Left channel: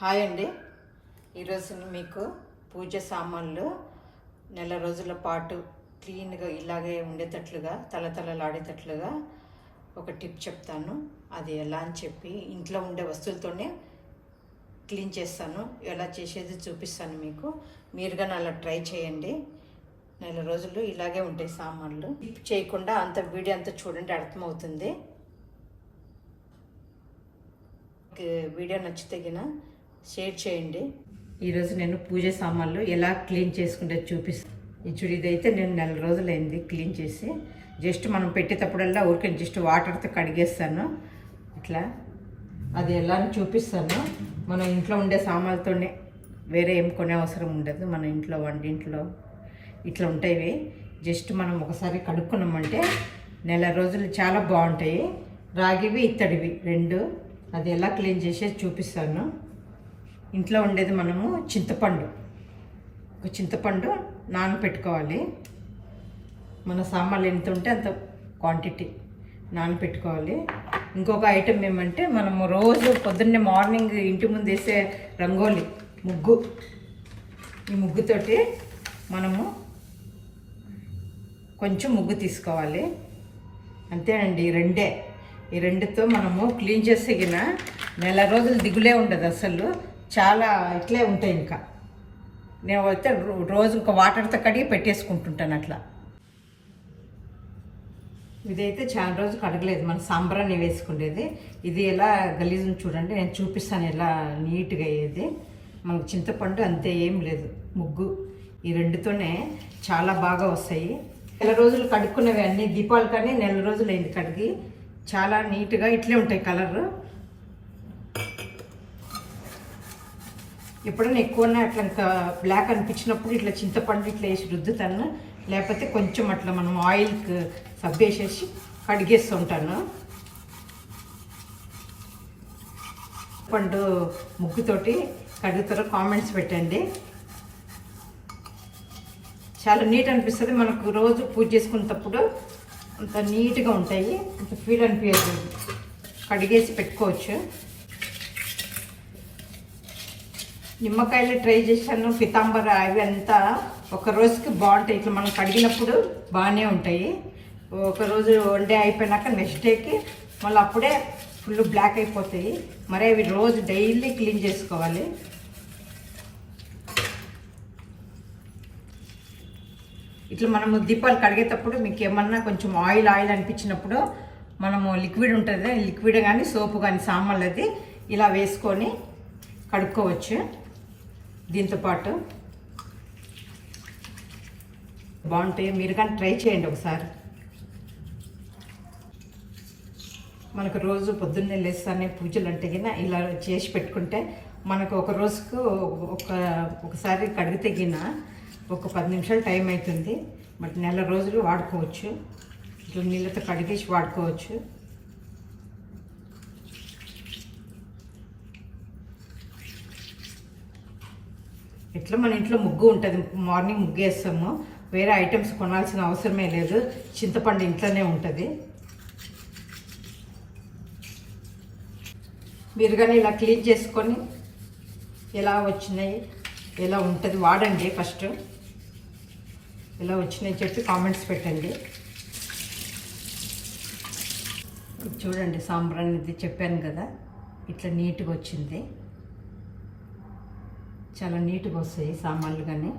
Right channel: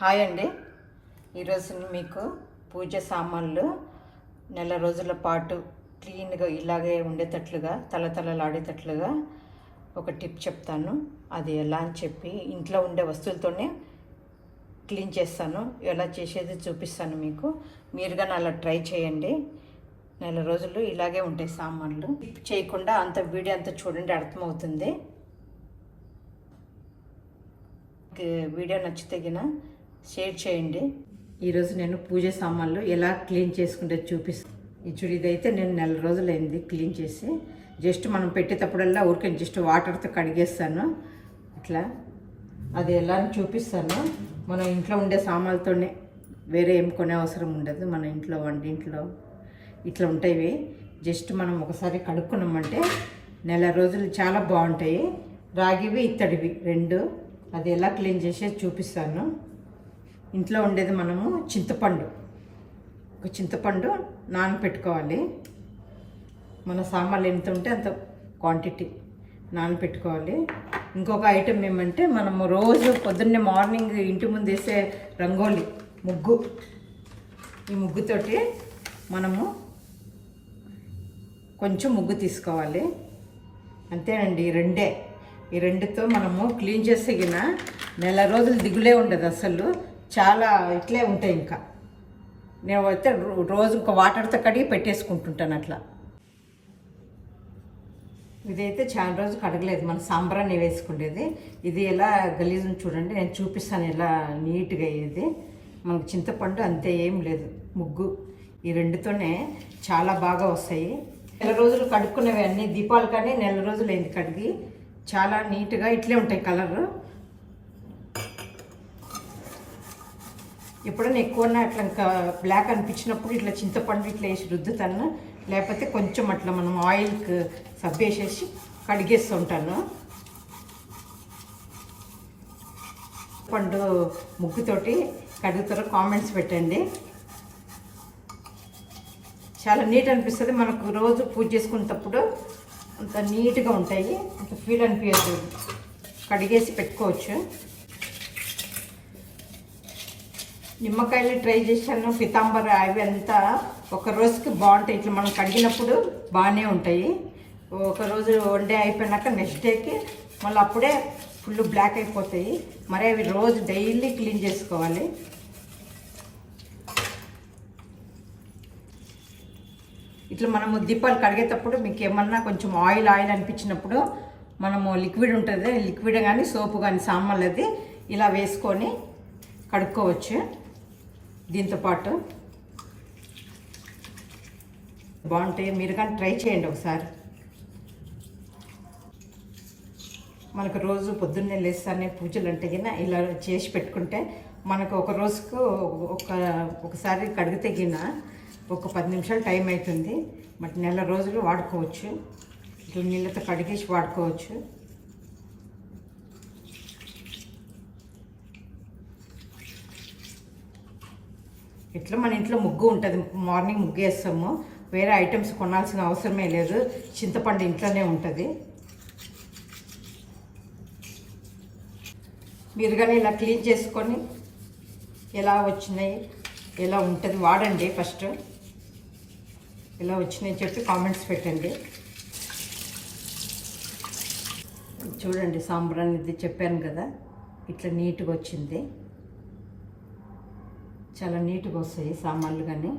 Hi అండి. ఈరోజు మీకు పూజ సామాన్లు నెల రోజుల పాటు క్లీన్గా ఇలాగే ఉండేటట్లుగా తలతలలాడేటట్లుగా ఒక టిప్ చెప్తాను. అది ఎలా అని చెప్పి ఇంట్లో ఉండే వస్తువులతోనే క్లీన్ చేస్తాను. ఎలా చేసేది చూపిస్తాను మీకు. మీరుగా అలా ట్రై చేయండి. నెల రోజులు ఇలాగే ఉంటాయి సామాన్లు. టిప్ చేయకుండా అంత వీడియో అంతా చూడండి, అర్థమవుతుంది. వీడియో నచ్చితే షేర్ చేయండి. ఈరోజు నేను పూజ సామాన్లు ఎలా క్లీన్ చేసుకుంటే చూపిస్తాను. ఇదైతే నేను నెల రోజులైంది క్లీన్ చేసి. జస్ట్ మనం పెట్టేటప్పుడల్లా ఊరికే జస్ట్ వాటర్తో కడిగేస్తాను ఇట్లా. అది ఎలా అని చూపిస్తాను. మన ఇంట్లో ఉండే సామాన్లతోనే, వేరే ఏం కొనే అవసరం ఉండదు. మన ఇంట్లో వంటింట్లో ఇట్లా ఉంటాయి. జస్ట్ మనం ఒకసారి కడుక్కున్నామంటే నెల రోజులు చాలా బాగుంటాయి. రాగివి ఇత్తడివి రెండు. అది ఎలా క్లీన్ చేసేది చూపిస్తాను. ఇంట్లో ఉండేది మనము ఒక చింతపండు నానపెట్టుకోవాలి. మన సామాన్లు ఎంత ఉంటే అంత క్వాంటిటీ నానపెట్టుకోవాలి. ఇంకొక ఐటెం ఏమంటే మనము రోజు పొద్దున్నే మార్నింగ్ ఇంటి ముందు వేసే రంగోలి ముగ్గు, ఈ ముగ్గుతోటి మనము కొంచెం ముగ్గు తీసుకోవాలి. అంతేనండి, ఈ రెండుతో మనము క్లీన్ చేస్తే నెల రోజులు దిగులే ఉండదు అసలు. చాలా ఇట్లే ఉంటాయి. ఇంకా నేను అయితే రోజు ఇంకా వాటర్తో కడిగి పెట్టేసుకుంటుంటాను అట్లా. ఇదైతే చాలా రోజు కడగలేదు, మన సాంబ్రాన్ని వేసుకునేది. ఇది ఎలా గలీజుని చూడండి, నేను చూపిస్తాను ఎలా నీట్గా అయ్యేది. మనకు చింతపండు అంతే ఏం లేదు, ముగ్గు ఈ రెండుతోనే చాలా బాగా వస్తాయి. నెల రోజులు కడుక్కునేవి అన్నీ. దీపాలు కానీ నెల రోజులు అయింది కడిగి. చాలా నీట్గా ఇట్లే ఉంటాయి కలరు. ఎప్పుడైనా ఎక్కువన్నా అట్లా ఇంకా బ్లాక్ అనిపించినప్పుడు ఇట్లా చింతపండు ఇట్లా వేసి రుద్దుతాను. లేకపోతే కొంచెం అట్లా మనం ఆయిల్కి సబ్బు వేసేసి కడిగేస్తుంటాను. పండు ముగ్గుతోటి కడుగుతారో కామెంట్స్ పెట్టండి. చాలా నీట్ అనిపిస్తుంది. మనకు రోజు పూజ చేసుకునేటప్పుడు అంత నీట్గా ఉంటాయి. అంత ఫీల్ అనిపించదు. కడిగేసి పెట్టుకోవచ్చు. నిమ్మకాయలు ట్రై చేశాను, పితాంబర, అవి అంతా ఒక రోజుకి బాగుంటాయి. ఇట్లా మనం కడిగినప్పుడు బాగానే ఉంటాయి. ఒక రోజు వండే అయిపోయినాక నెక్స్ట్ డేకి మళ్ళీ అప్పుడే ఫుల్ బ్లాక్ అయిపోతాయి. మరి అవి రోజు డైలీ క్లీన్ చేసుకోవాలి. ఇట్లా మనము దీపాలు కడిగేటప్పుడు మీకు ఏమన్నా కొంచెం ఆయిల్ అనిపించినప్పుడు మనము లిక్విడ్ ఉంటుంది, లిక్విడ్ కానీ సోపు కానీ సామాన్లది ఇలా వేసుకొని కడుక్కోవచ్చు. దీంతోపాటు బాగుంటాయి. మీరు కానీ ట్రై చేయండి ఒకసారి. మనకు రోజు పొద్దున్నే లేస్తానే పూజలు ఉంటాయి కదా, ఇలా చేసి పెట్టుకుంటే మనకు ఒక రోజుకు ఒకసారి కడిగితే ఒక 10 నిమిషాలు టైం అవుతుంది. బట్ నెల రోజులు వాడుకోవచ్చు. ఇట్లా నీళ్ళతో కడిగేసి వాడుకోవచ్చు. ఇట్లా మన ఇంట్లో ముగ్గు ఉంటుంది, మార్నింగ్ ముగ్గు వేస్తాము. వేరే ఐటమ్స్ కొనాల్సిన అవసరమే లేదు. చింతపండు ఇంట్లోనే ఉంటుంది. మీరు కానీ ఇలా క్లీన్ చేసుకొని ఎలా వచ్చినాయి, ఎలా ఉంటుంది వాడండి. ఫస్ట్ ఎలా వచ్చినాయి చెప్పి కామెంట్స్ పెట్టండి. చూడండి, సాంబ్రాన్ ఇది చెప్పాను కదా, ఇట్లా నీట్గా వచ్చింది. చాలా నీట్గా వస్తాయి సామాన్లు. కానీ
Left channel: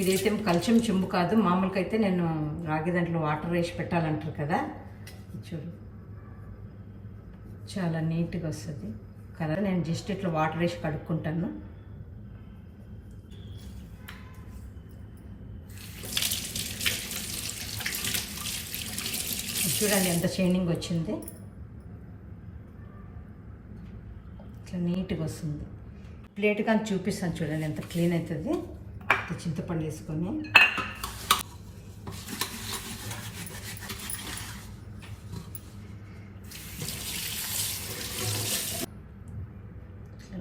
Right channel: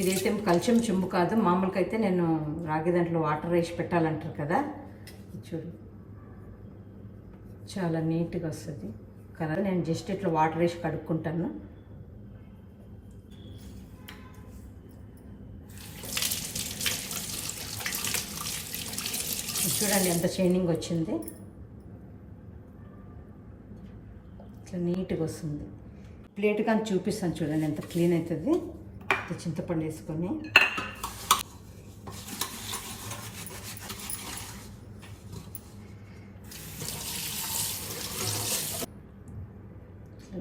ఇదైతే కలిసం చెంబు కాదు. మామూలుగా అయితే నేను రాగి దాంట్లో వాటర్ వేసి పెట్టాలంటారు కదా, చూడు చాలా నీట్గా వస్తుంది కదా. నేను జస్ట్ ఇట్లా వాటర్ వేసి కడుక్కుంటాను. చూడండి ఎంత షైనింగ్ వచ్చింది. ఇట్లా నీట్గా వస్తుంది. ప్లేట్ కానీ చూపిస్తాను చూడండి ఎంత క్లీన్ అవుతుంది. చింతపండు వేసుకొని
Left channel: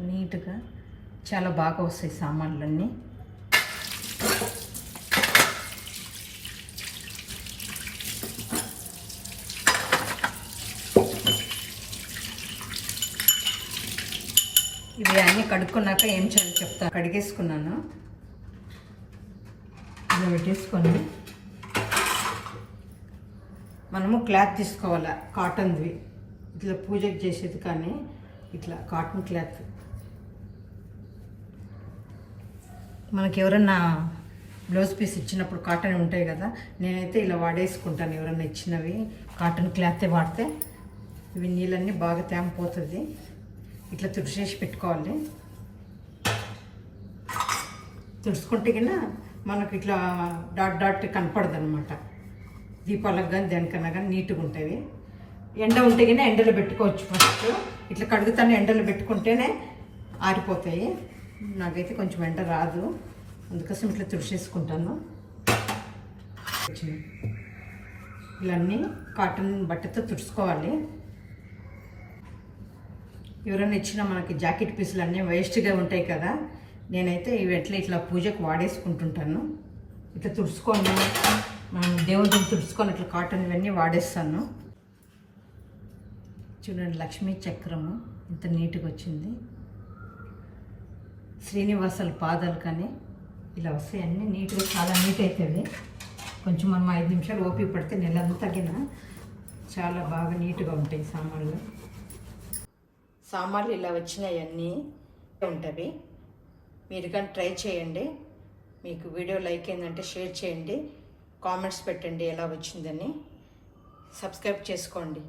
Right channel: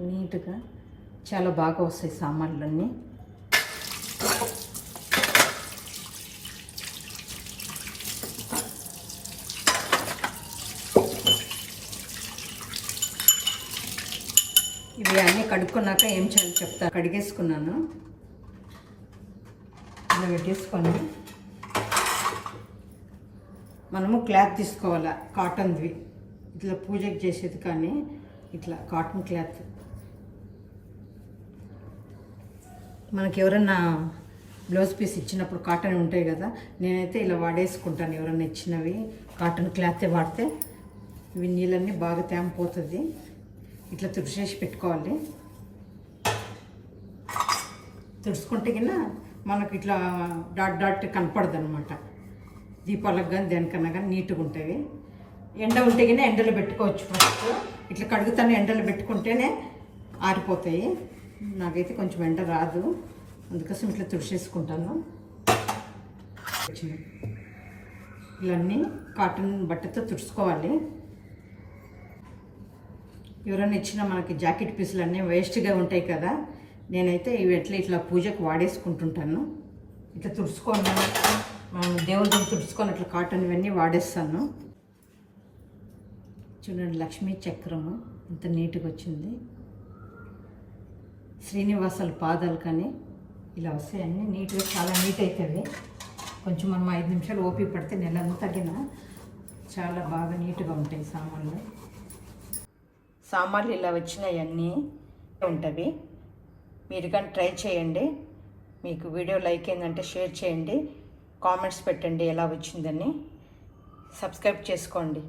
నీట్గా చాలా బాగా వస్తాయి సామాన్లన్నీ. ఇది ఇవన్నీ కడుక్కున్నాక ఏం చేయాలో చెప్తా. కడిగేసుకున్నాను, ఇలా పెట్టేసుకొని మనము క్లాత్ తీసుకోవాలి, కాటన్ది. ఇట్లా పూజకు చేసేది కానీ ఇట్లా కాటన్ క్లాత్. మనకి ఎవరన్నా బ్లౌజ్ పీస్ ఇచ్చినప్పుడు కాటన్ ఉంటాయి కదా, నేనైతే ఇలా వాడేసుకుంటాను. ఎవరన్నా ఇచ్చినవి కాటన్ క్లాతే వాడితే ఇవి నీళ్ళన్నీ బాగా తేమపోతుంది. ఇట్లా తుడిచేసి పెట్టుకోవాలి. తుడుచుకుంటే కింద మనకు ఇట్లా డాట్ డాట్ కనపడదు అనమాట. దీపాలకు కానీ దేనికన్నా కానీ నీట్గా ఉంటుంది. ఎండ ఉంటే కానీ ఎండలో పెట్టుకోవచ్చు. ఫస్ట్ ఇట్లా కడుగుతాను, ఎండలో పెట్టుకుంటేనే ఆరిపోతాయి. నాకైతే కొంచెం ఎండ రాదు, అందుకోసం ఇట్లా తుడిచేసుకుంటాను. ఇవన్నీ కాటన్ బట్టతో తుడుచుకోవాలి. ఎవరైనా ఇచ్చిన మనకి జాకెట్ పీసులు అన్నీ వేస్ట్గా ఉంటాయి కదా, నేనైతే ఇవి ఇట్లా పూజకు వాడేసుకుంటుంటాను. ఇట్లా తుడుచుకొని మనం దేవుడిని తుడుచుకొని ఇట్లా కాటన్ ఇవన్నీ వాడేస్తాను. చూడండి, లక్ష్మీ చక్రము ఇంత నీట్గా వచ్చింది. శ్రీనివాసాల పాదాలు కానీ ఇలా వస్తాయి, అన్నీ నీట్గా చాలా నీట్ అవుతుంది. కొంచెం మనం 5 నిమిషాలు ఓపిక పడితే నెలంతా తగిన చాలా బాగా నీట్గా ఉంటాయి సామాన్లు. సామాన్లు ఇలా వచ్చినాయన్నీ ఉంటుంది. మీరు కానీ ట్రై చేయండి. మీకు వీడియో లైక్ అయిందంటే షేర్ చేయండి, కామెంట్స్ పెట్టండి ఎలా వచ్చిందని, సబ్స్క్రైబ్ చేసుకోండి.